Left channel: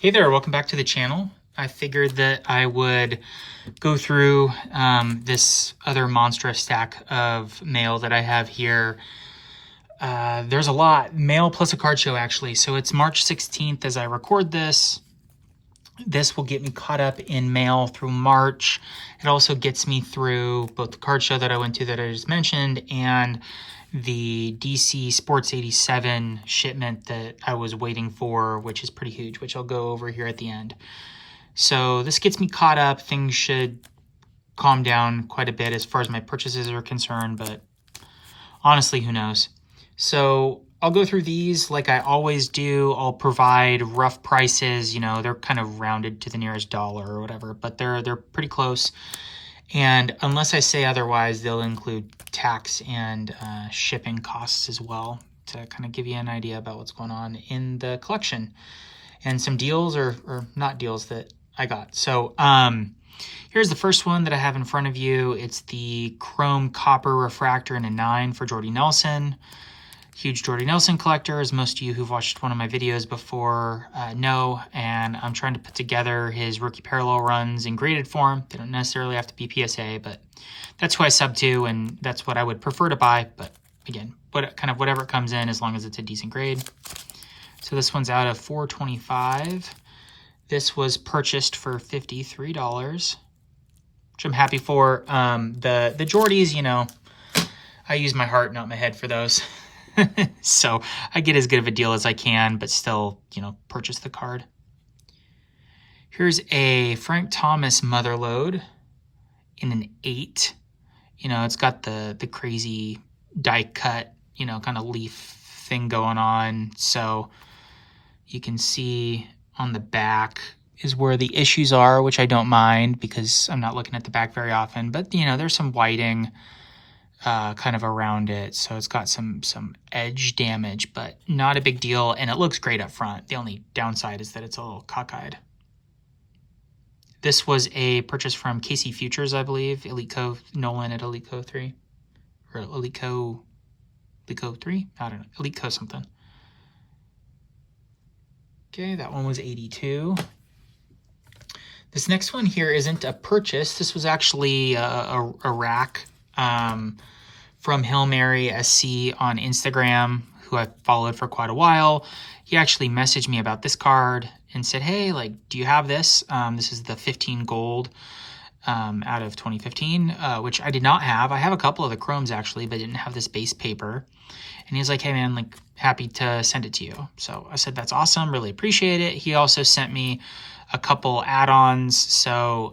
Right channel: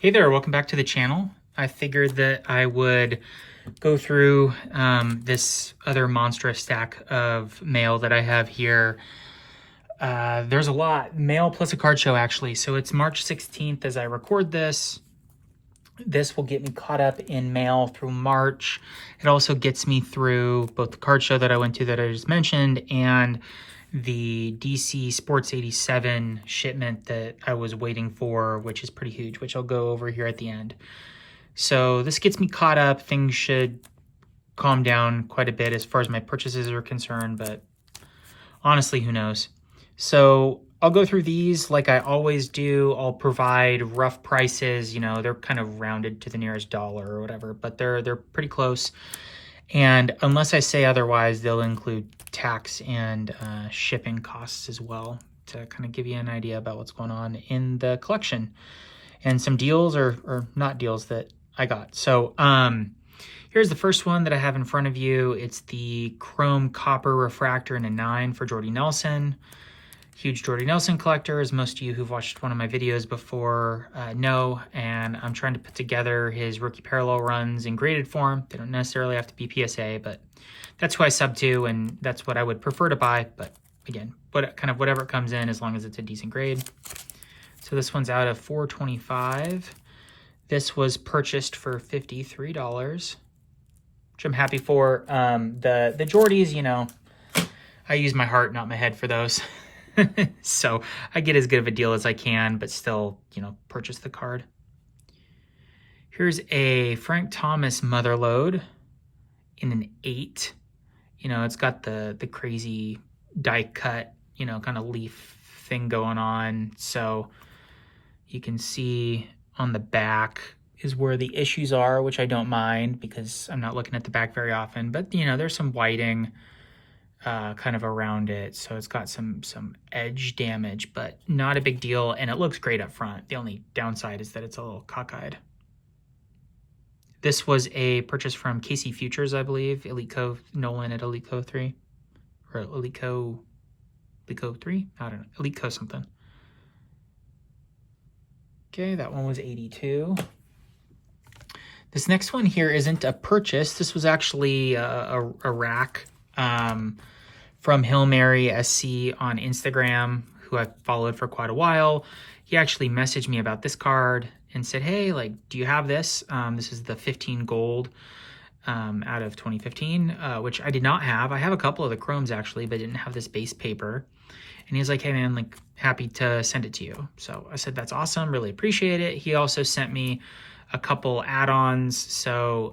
Hey there, welcome back to the channel. I figured that I would go through this other monstrous stack of mail that I have here. There's a lot, mail plus a card show actually. So it's March 16th as I record this. This will get me caught up in mail through March. It also gets me through both the card show that I went to that I just mentioned and the DC Sports 87 shipment that I was waiting for, which is pretty huge, which I'll go over here at the end. So this gets me caught up. Things should calm down quite a bit as far as my purchases are concerned, but honestly, who knows? So I'll go through these like I always do. I'll provide rough prices. You know, they're kind of rounded to the nearest dollar or whatever, but they're pretty close. And unless I say otherwise, they'll include tax and shipping costs as well to kind of give you an idea about what's going on in the collection and some deals or not deals that I got. So here's the first one that I have in front of you. It's the Chrome Copper Refractor in a 9 for Jordy Nelson. Huge Jordy Nelson collector, as most of you who've watched one of my videos before know, and I'm trying to put together his rookie parallel runs in graded form. They don't necessarily have to be PSA, but that's who I sub to, and that's what I would prefer to buy. But again, whatever comes in, as long as it's a decent grade. So this one's out of $425. This was purchased for $53, which I'm happy for. The Jordys, you know, I use my heart, not my head for those. So I get as good of a deal as I can, but still, you know, purchase the card. Here's a Frank Thomas Motherlode in an 8. You know, it's got the crazy die cut, you know, kind of leaf thing going on. So you can see on the back is where the issues are, which I don't mind because I'm not looking at the back very often. But, you know, there's some whiting kind of around it, so it's got some edge damage, but not a big deal, and it looks great up front. The only downside is that it's a little cockeyed. This was a purchase from KC Futures, I believe. Eliteco Nolan at Eliteco 3 or Eliteco 3. I don't know, Eliteco something. Okay, that one was 82. This next one here isn't a purchase. This was actually a rack from Hail Mary SC on Instagram, who I've followed for quite a while. He actually messaged me about this card and said, hey, like, do you have this? This is the 15 gold out of 2015, which I did not have. I have a couple of the chromes actually, but didn't have this base paper. And he was like, hey man, like, happy to send it to you. So I said, that's awesome, really appreciate it. He also sent me a couple add-ons, so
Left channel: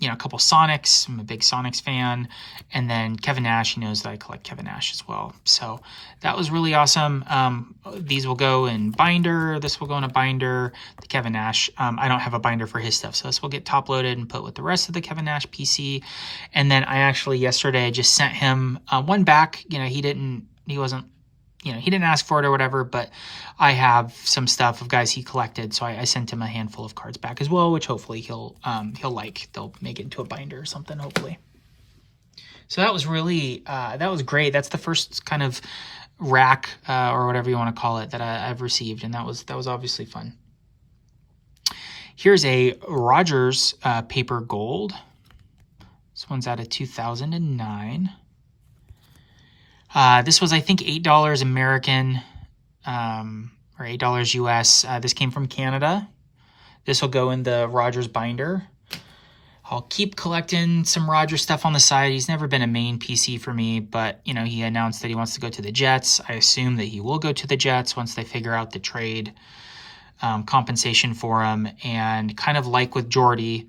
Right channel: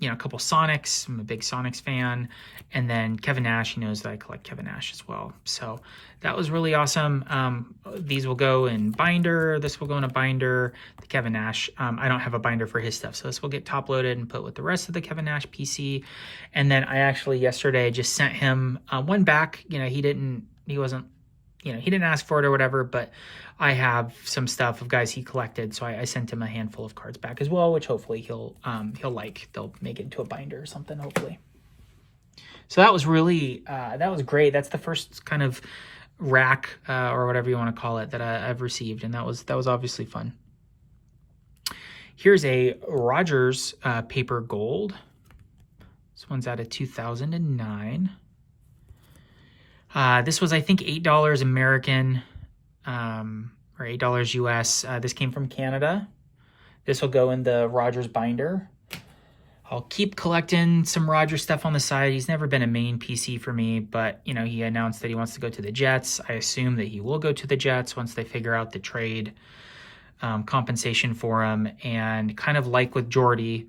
you know, a couple Sonics. I'm a big Sonics fan, and then Kevin Nash. He knows that I collect Kevin Nash as well, so that was really awesome. These will go in binder. This will go in a binder. The Kevin Nash, I don't have a binder for his stuff, so this will get top loaded and put with the rest of the Kevin Nash PC. And then I actually yesterday just sent him one back. You know, he didn't ask for it or whatever, but I have some stuff of guys he collected, so I sent him a handful of cards back as well, which hopefully he'll like. They'll make it into a binder or something, hopefully. So that was really, that was great. That's the first kind of rack or whatever you want to call it that I've received, and that was obviously fun. Here's a Rogers paper gold. This one's out of 2009. This was, I think, $8 American or $8 US. This came from Canada. This will go in the Rogers binder. I'll keep collecting some Rogers stuff on the side. He's never been a main PC for me, but, you know, he announced that he wants to go to the Jets. I assume that he will go to the Jets once they figure out the trade compensation for him. And kind of like with Jordy,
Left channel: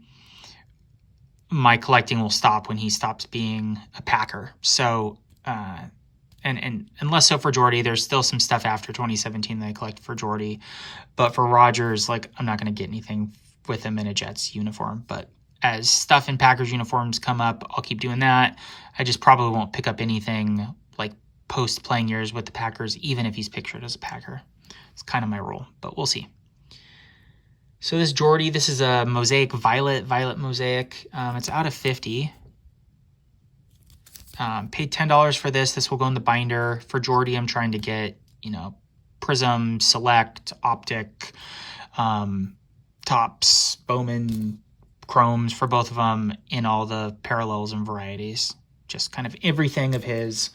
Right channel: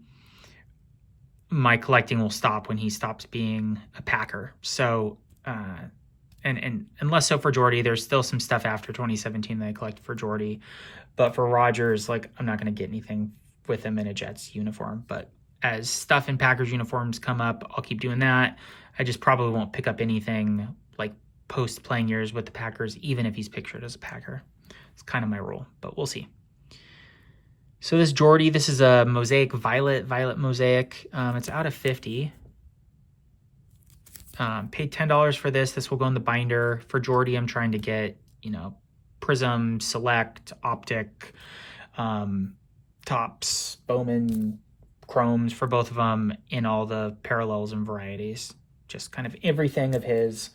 my collecting will stop when he stops being a Packer. So, and less so for Jordy. There's still some stuff after 2017 that I collect for Jordy, but for Rogers, like, I'm not going to get anything with him in a Jets uniform. But as stuff in Packers uniforms come up, I'll keep doing that. I just probably won't pick up anything like post playing years with the Packers, even if he's pictured as a Packer. It's kind of my rule, but we'll see. So this Jordy, this is a Mosaic Violet Mosaic. It's out of 50. Paid $10 for this. This will go in the binder. For Jordy, I'm trying to get, you know, Prism, Select, Optic, Topps, Bowman, chromes for both of them in all the parallels and varieties. Just kind of everything of his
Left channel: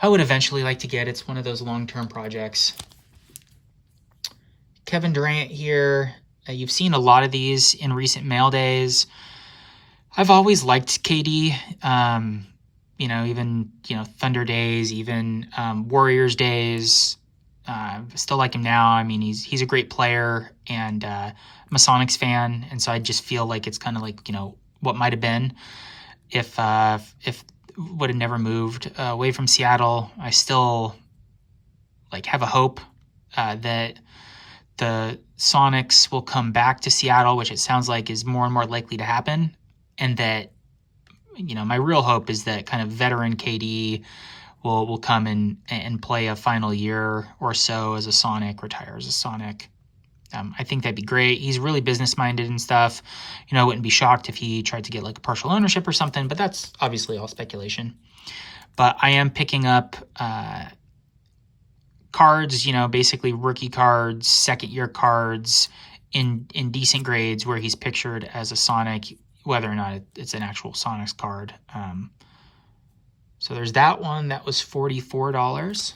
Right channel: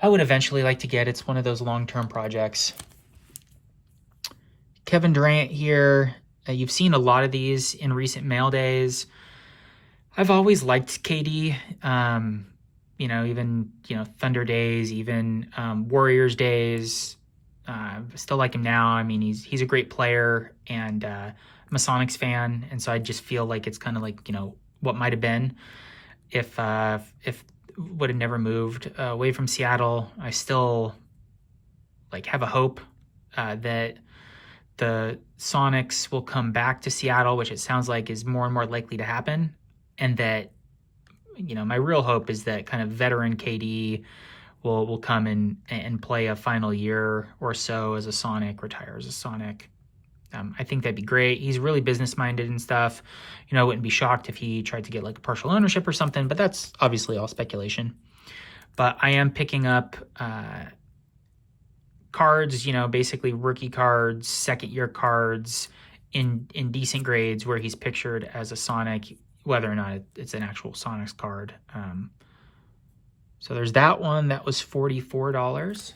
I would eventually like to get. It's one of those long-term projects. Kevin Durant here. You've seen a lot of these in recent mail days. I've always liked KD. Even Thunder days, even Warriors days. Still like him now. I mean, he's a great player, and I'm a Sonics fan, and so I just feel like it's kind of like what might have been if would have never moved away from Seattle. I still have a hope that the Sonics will come back to Seattle, which it sounds like is more and more likely to happen, and that my real hope is that kind of veteran KD will come and play a final year or so as a Sonic, retire as a Sonic. I think that'd be great. He's really business-minded and stuff. I wouldn't be shocked if he tried to get a partial ownership or something, but that's obviously all speculation. But I am picking up cards, basically rookie cards, second-year cards in decent grades where he's pictured as a Sonic, whether or not it's an actual Sonics card. So there's that one. That was $44.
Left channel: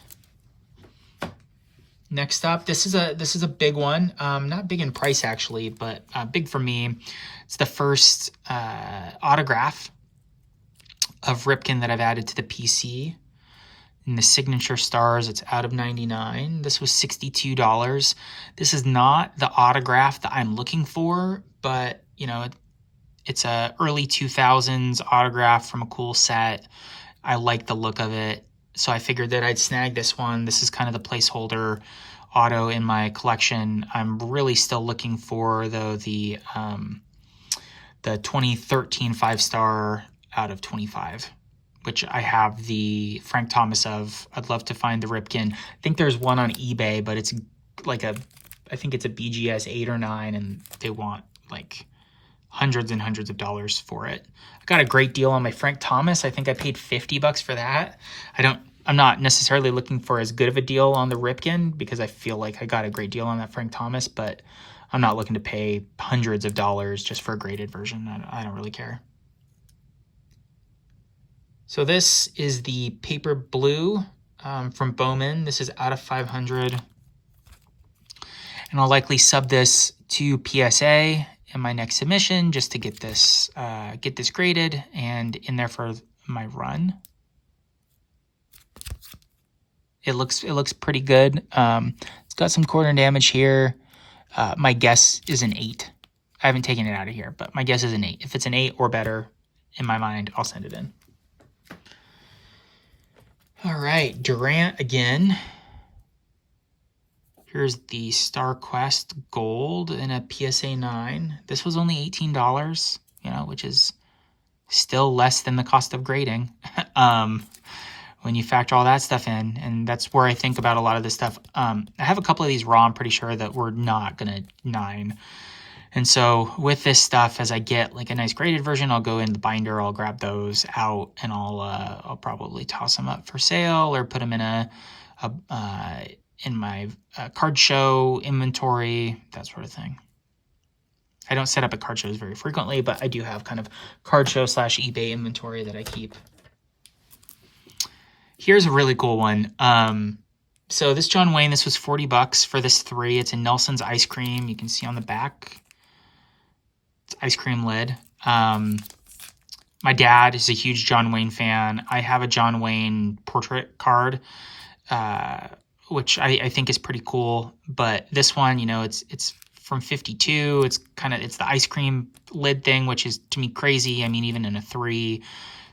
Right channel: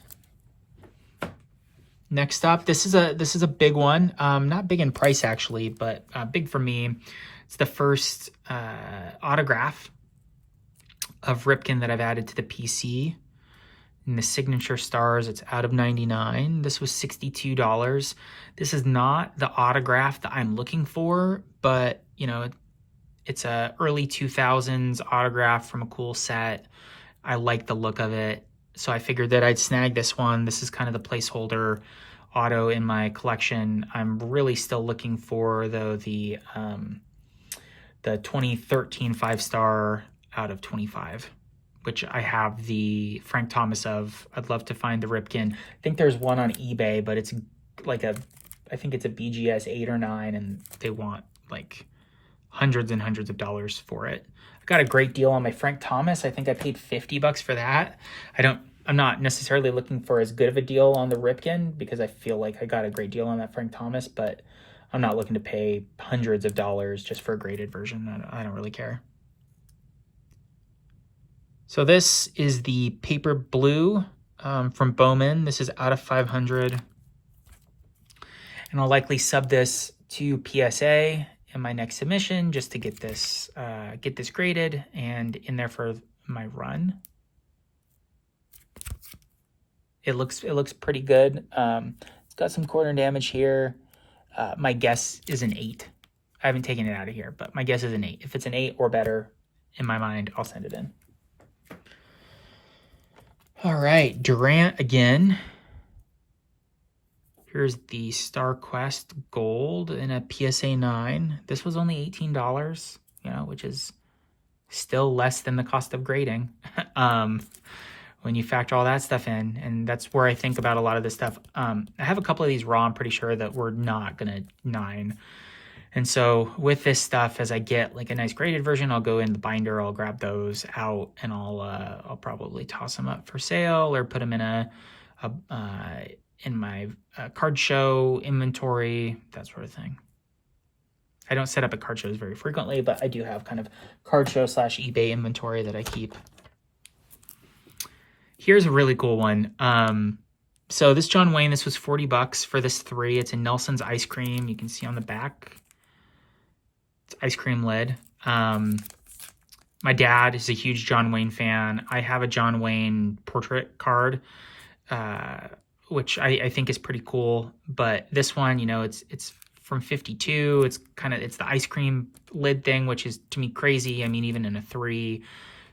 Next up, this is a big one. Not big in price actually, but big for me. It's the first autograph of Ripken that I've added to the PC. In the signature stars, it's out of 99. This was $62. This is not the autograph that I'm looking for, but it's a early 2000s autograph from a cool set. I like the look of it, so I figured that I'd snag this one. This is kind of the placeholder auto in my collection. I'm really still looking for, though, the 2013 5-star out of 25, which I have the Frank Thomas of. I'd love to find the Ripken. I think there's one on eBay, but it's I think it's a BGS 8 or 9, and they want hundreds and hundreds of dollars for it. I got a great deal on my Frank Thomas. I think I paid $50 for that. I'm not necessarily looking for as good of a deal on the Ripken because I feel like I got a great deal on that Frank Thomas, but I'm not looking to pay hundreds of dollars just for a graded version. I don't really care. So this is the Paper Blue from Bowman. This is out of 500. And I'll likely sub this to PSA in my next submission just to get this graded and in there for my run. It looks pretty good. It's got some corner damage here. My guess is an 8. I haven't taken it out of here, but my guess is an 8. If it's an 8 or better, in my mind, I'll send it in. All right, Durant again. Here's the Star Quest Gold in a PSA 9. This was only $18, which is still less than the cost of grading when you factor all that stuff in. And that's where I think about a lot of this stuff. I have a couple of these raw. I'm pretty sure that we're not going to 9. And so with this stuff, as I get a nice graded version, I'll go in the binder, I'll grab those out, and I'll probably toss them up for sale or put them in in my card show inventory, that sort of thing. I don't set up at card shows very frequently, but I do have kind of card show / eBay inventory that I keep. Here's a really cool one. So this John Wayne, this was $40 for this 3. It's in Nelson's Ice Cream. You can see on the back, it's ice cream lid. My dad is a huge John Wayne fan. I have a John Wayne portrait card, which I think is pretty cool. But this one, it's from 52. It's the ice cream lid thing, which is to me crazy. I mean, even in a 3,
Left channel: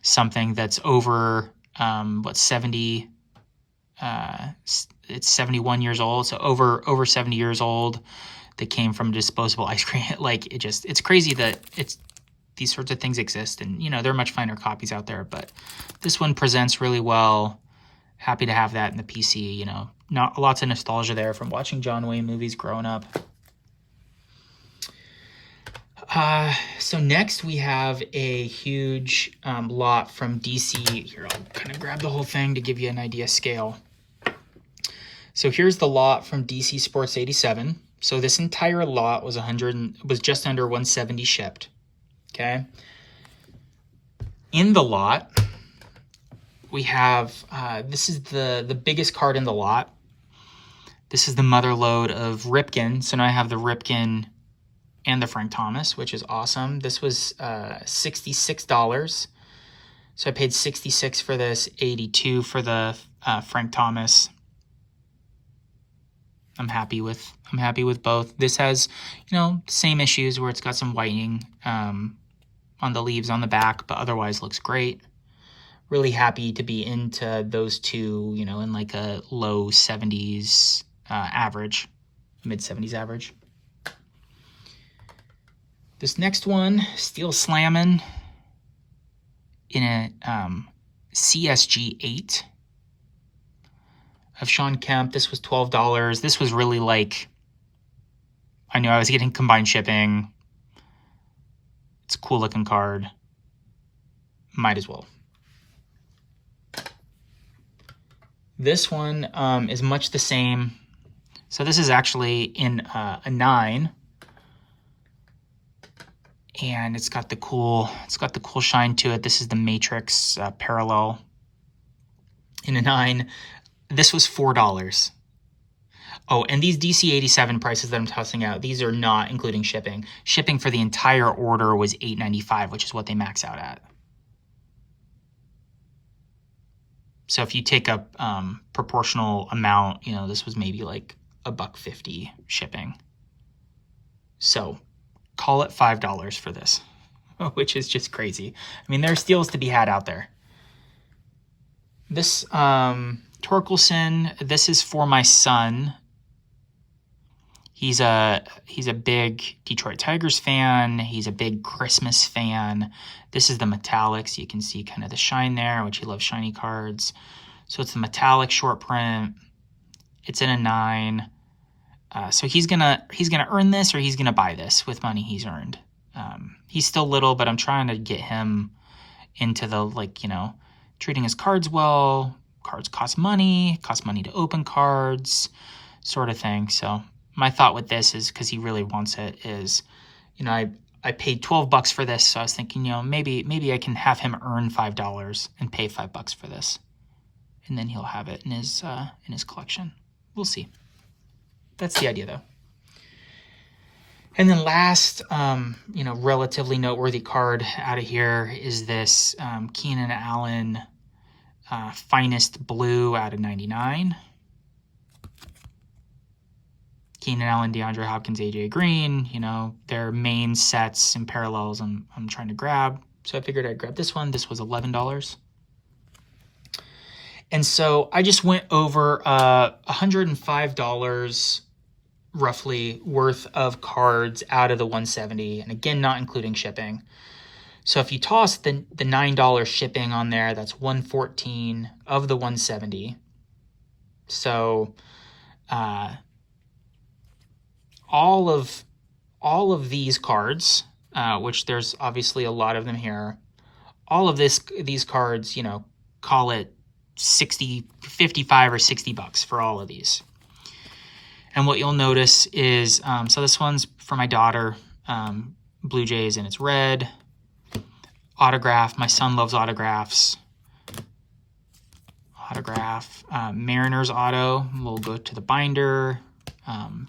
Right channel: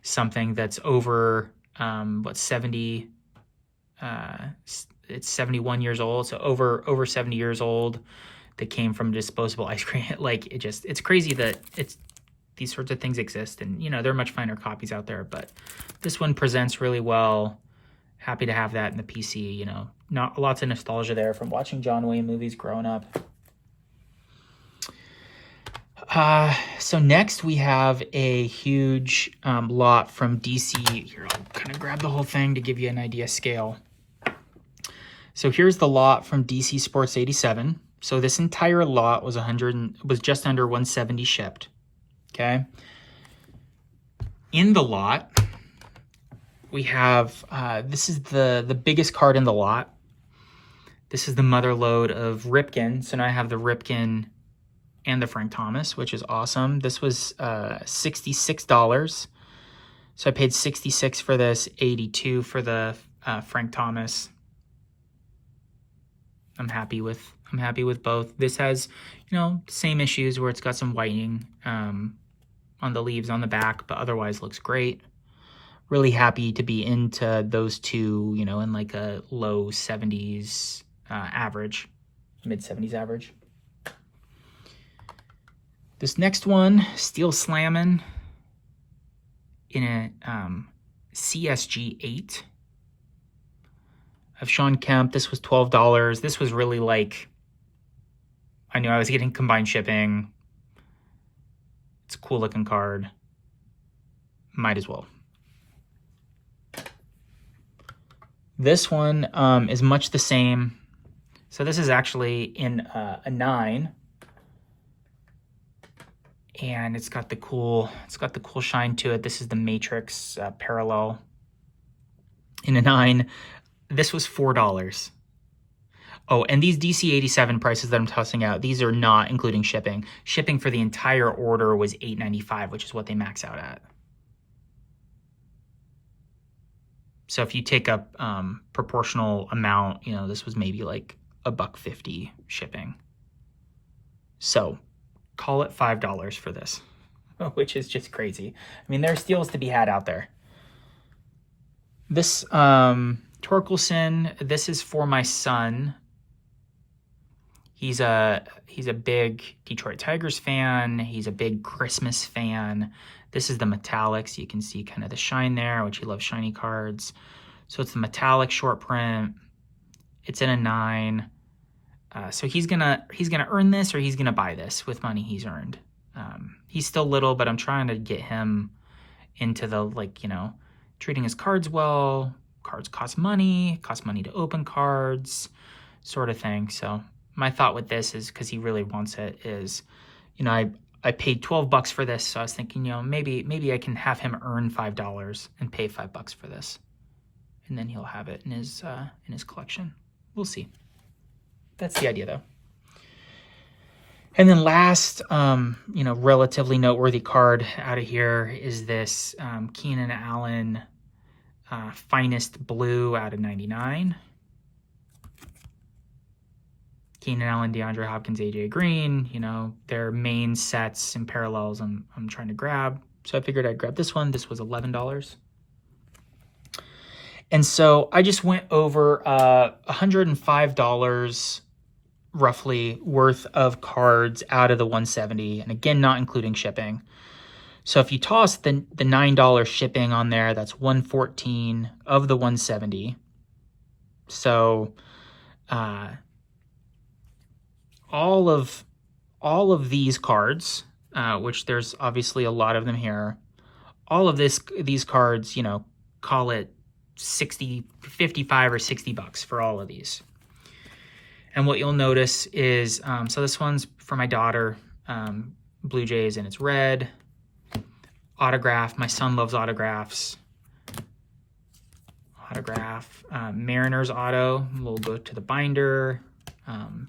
something that's over 70. It's 71 years old, so over 70 years old. That came from disposable ice cream. It's crazy that these sorts of things exist, and there are much finer copies out there. But this one presents really well. Happy to have that in the PC. Not lots of nostalgia there from watching John Wayne movies growing up. So next we have a huge lot from DC. Here, I'll kind of grab the whole thing to give you an idea scale. So here's the lot from DC Sports 87. So this entire lot was just under 170 shipped. Okay. In the lot, we have this is the biggest card in the lot. This is the mother load of Ripken. So now I have the Ripken and the Frank Thomas, which is awesome. This was $66. So I paid $66 for this, $82 for the Frank Thomas. I'm happy with both. This has, the same issues where it's got some whitening on the leaves on the back, but otherwise looks great. Really happy to be into those two, in like a low 70s average, mid 70s average. This next one, Steel Slammin' in a CSG 8 of Sean Kemp. This was $12. This was really like, I knew I was getting combined shipping. It's a cool looking card. Might as well. This one is much the same. So this is actually in a 9. And it's got the cool shine to it. This is the Matrix parallel in a 9. This was $4. Oh, and these DC87 prices that I'm tossing out, these are not including shipping. Shipping for the entire order was $8.95, which is what they max out at. So if you take a proportional amount, this was maybe like $1.50 shipping. So call it $5 for this, which is just crazy. I mean, there are steals to be had out there. This Torkelson, this is for my son. He's a big Detroit Tigers fan. He's a big Christmas fan. This is the metallics. You can see kind of the shine there, which he loves shiny cards. So it's the metallic short print. It's in a 9. So he's gonna earn this, or he's gonna buy this with money he's earned. He's still little, but I'm trying to get him into the treating his cards well. Cards cost money to open cards, sort of thing. So my thought with this is, because he really wants it, is, I paid $12 for this, so I was thinking, maybe I can have him earn $5 and pay $5 for this, and then he'll have it in his collection. We'll see. That's the idea, though. And then last, relatively noteworthy card out of here is this Keenan Allen Finest Blue out of 99. Keenan Allen, DeAndre Hopkins, AJ Green, their main sets and parallels I'm trying to grab. So I figured I'd grab this one. This was $11. And so I just went over $105 roughly worth of cards out of the 170, and again, not including shipping. So if you toss the $9 shipping on there, that's $114 of the 170. So all of these cards, which there's obviously a lot of them here, all of these cards, call it 55 or $60 for all of these. And what you'll notice is, so this one's for my daughter, Blue Jays, and it's red. Autograph, my son loves autographs. Autograph, Mariners auto, we'll go to the binder.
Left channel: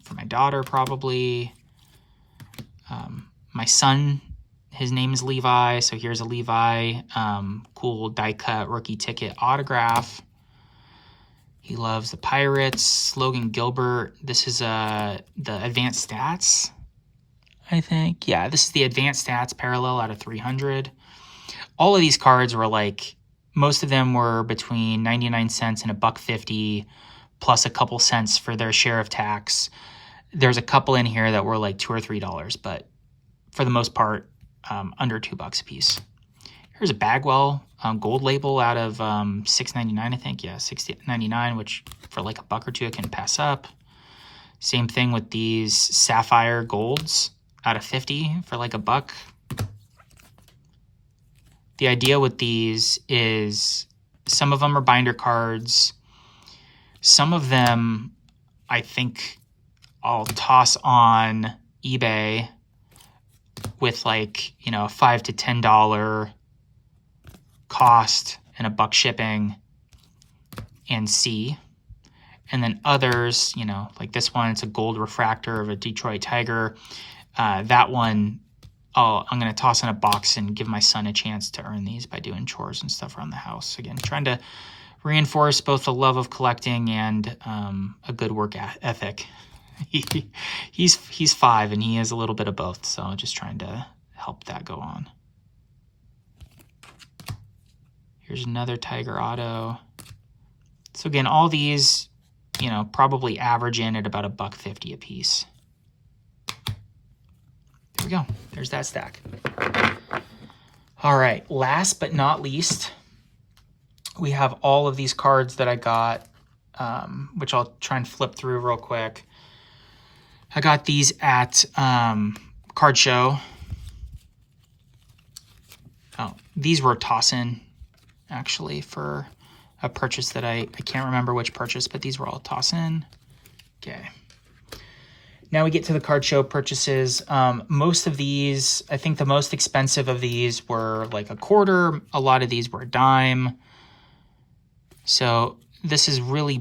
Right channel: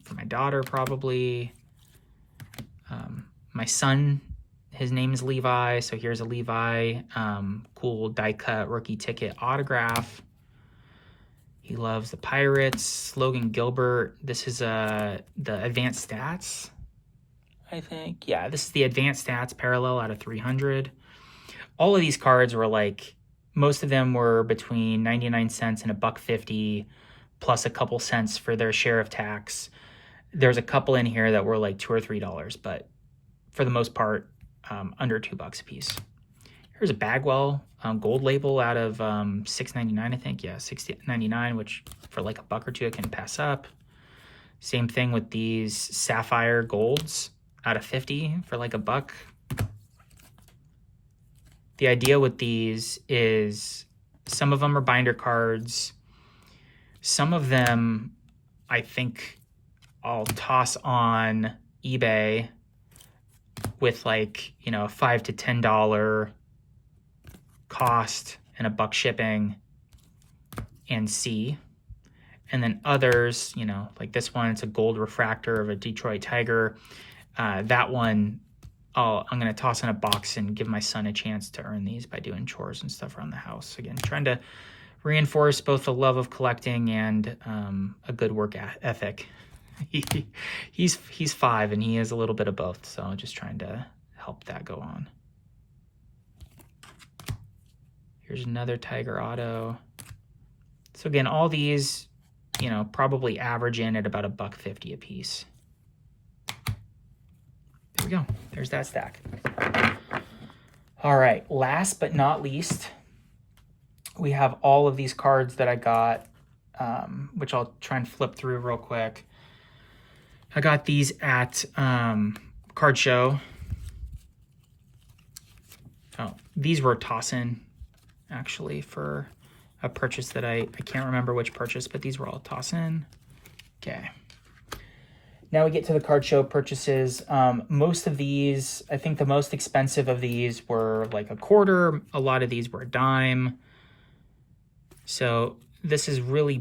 For my daughter, probably. My son, his name is Levi, so here's a Levi, cool die-cut rookie ticket autograph. He loves the Pirates. Logan Gilbert. This is the Advanced Stats, I think. Yeah, this is the Advanced Stats parallel out of 300. All of these cards were most of them were between 99 cents and $1.50, plus a couple cents for their share of tax. There's a couple in here that were like $2 or $3, but for the most part, under $2 a piece. Here's a Bagwell gold label out of $6.99, I think. Yeah, $6.99, which for like $1 or $2 I can pass up. Same thing with these Sapphire golds out of 50 for like $1. The idea with these is some of them are binder cards. Some of them, I think, I'll toss on eBay with like, you know, $5 to $10 cost and $1 shipping and see. And then others, you know, like this one, it's a gold refractor of a Detroit Tiger. That one, I'm going to toss in a box and give my son a chance to earn these by doing chores and stuff around the house. Again, trying to reinforce both the love of collecting and a good work ethic. He's 5 and he is a little bit of both, so just trying to help that go on. Here's another Tiger Auto. So again, all these, you know, probably average in at about $1.50 a piece. There we go. There's that stack. All right, last but not least, we have all of these cards that I got, which I'll try and flip through real quick. I got these at Card Show. Oh, these were toss-in, actually, for a purchase that I can't remember which purchase, but these were all toss-in. Okay. Now we get to the Card Show purchases. Most of these, I think the most expensive of these were like $0.25. A lot of these were $0.10. So this is really,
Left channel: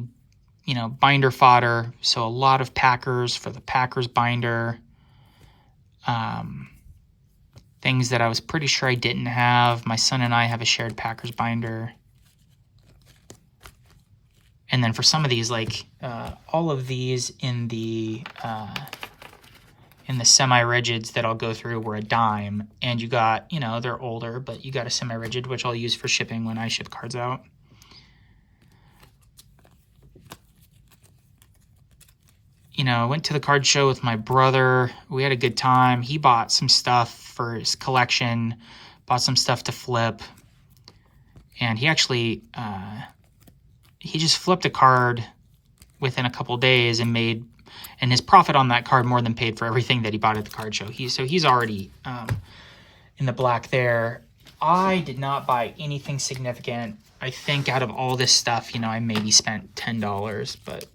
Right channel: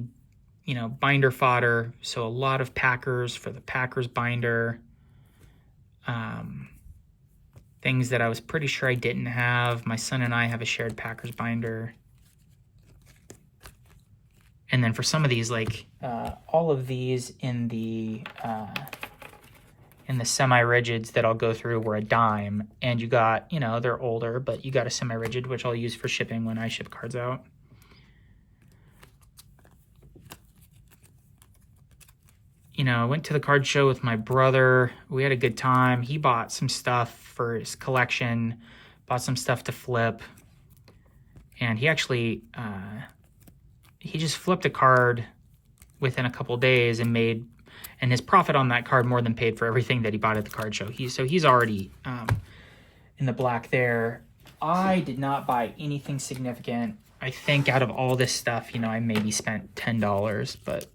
you know, binder fodder. So a lot of Packers for the Packers binder. Things that I was pretty sure I didn't have. My son and I have a shared Packers binder. And then for some of these, like all of these in the semi-rigids that I'll go through were $0.10. And you got, you know, they're older, but you got a semi-rigid, which I'll use for shipping when I ship cards out. You know, I went to the Card Show with my brother. We had a good time. He bought some stuff for his collection, bought some stuff to flip. And he actually, he just flipped a card within a couple days and made, and his profit on that card more than paid for everything that he bought at the Card Show. So he's already in the black there. I did not buy anything significant. I think out of all this stuff, you know, I maybe spent $10, but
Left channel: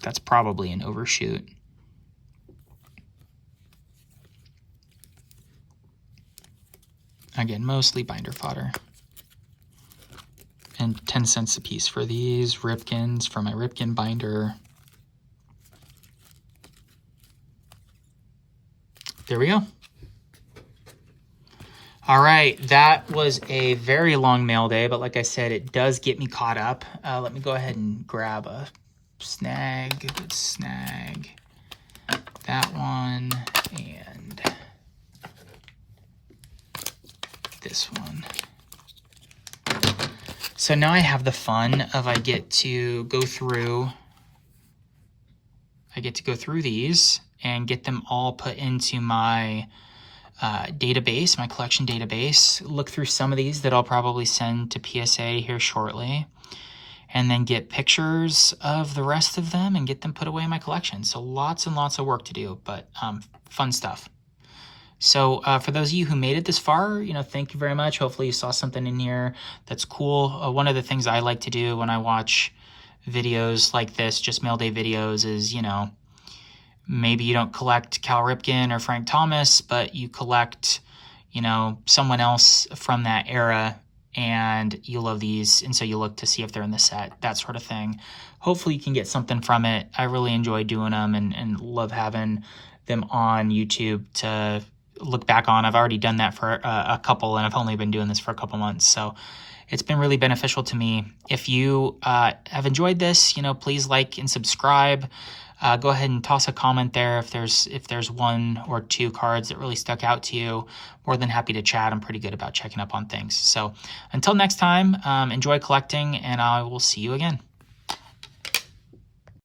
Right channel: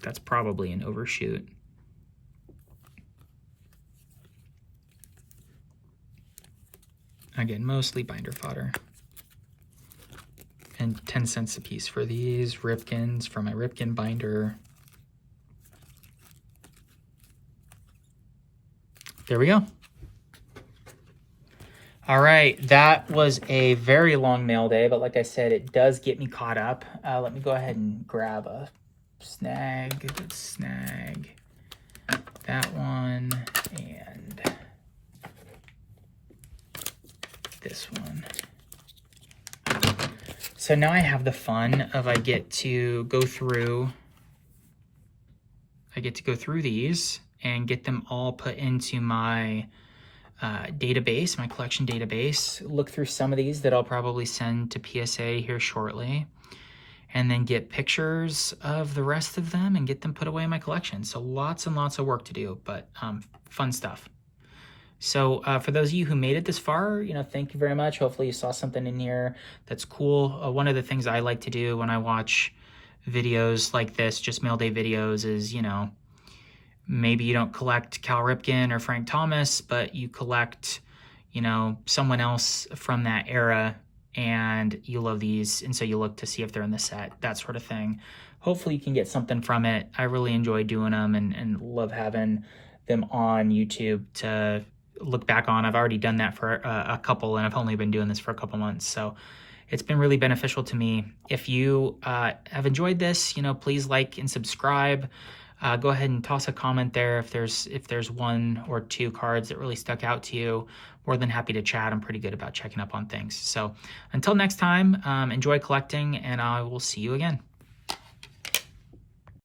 that's probably an overshoot. Again, mostly binder fodder. And 10 cents a piece for these Ripkins, for my Ripkin binder. There we go. All right, that was a very long mail day, but like I said, it does get me caught up. Let me go ahead and grab a snag. Let's snag that one and this one. So now I have the fun of I get to go through these and get them all put into my database, my collection database, look through some of these that I'll probably send to PSA here shortly, and then get pictures of the rest of them and get them put away in my collection. So lots and lots of work to do, but fun stuff. So for those of you who made it this far, you know, thank you very much. Hopefully you saw something in here that's cool. One of the things I like to do when I watch videos like this, just mail day videos, is, you know, maybe you don't collect Cal Ripken or Frank Thomas, but you collect, you know, someone else from that era and you love these. And so you look to see if they're in the set, that sort of thing. Hopefully you can get something from it. I really enjoy doing them and love having them on YouTube to look back on. I've already done that for a couple, and I've only been doing this for a couple months. So it's been really beneficial to me. If you have enjoyed this, you know, please like and subscribe. Go ahead and toss a comment there if there's one or two cards that really stuck out to you. More than happy to chat. I'm pretty good about checking up on things. So until next time, enjoy collecting, and I will see you again.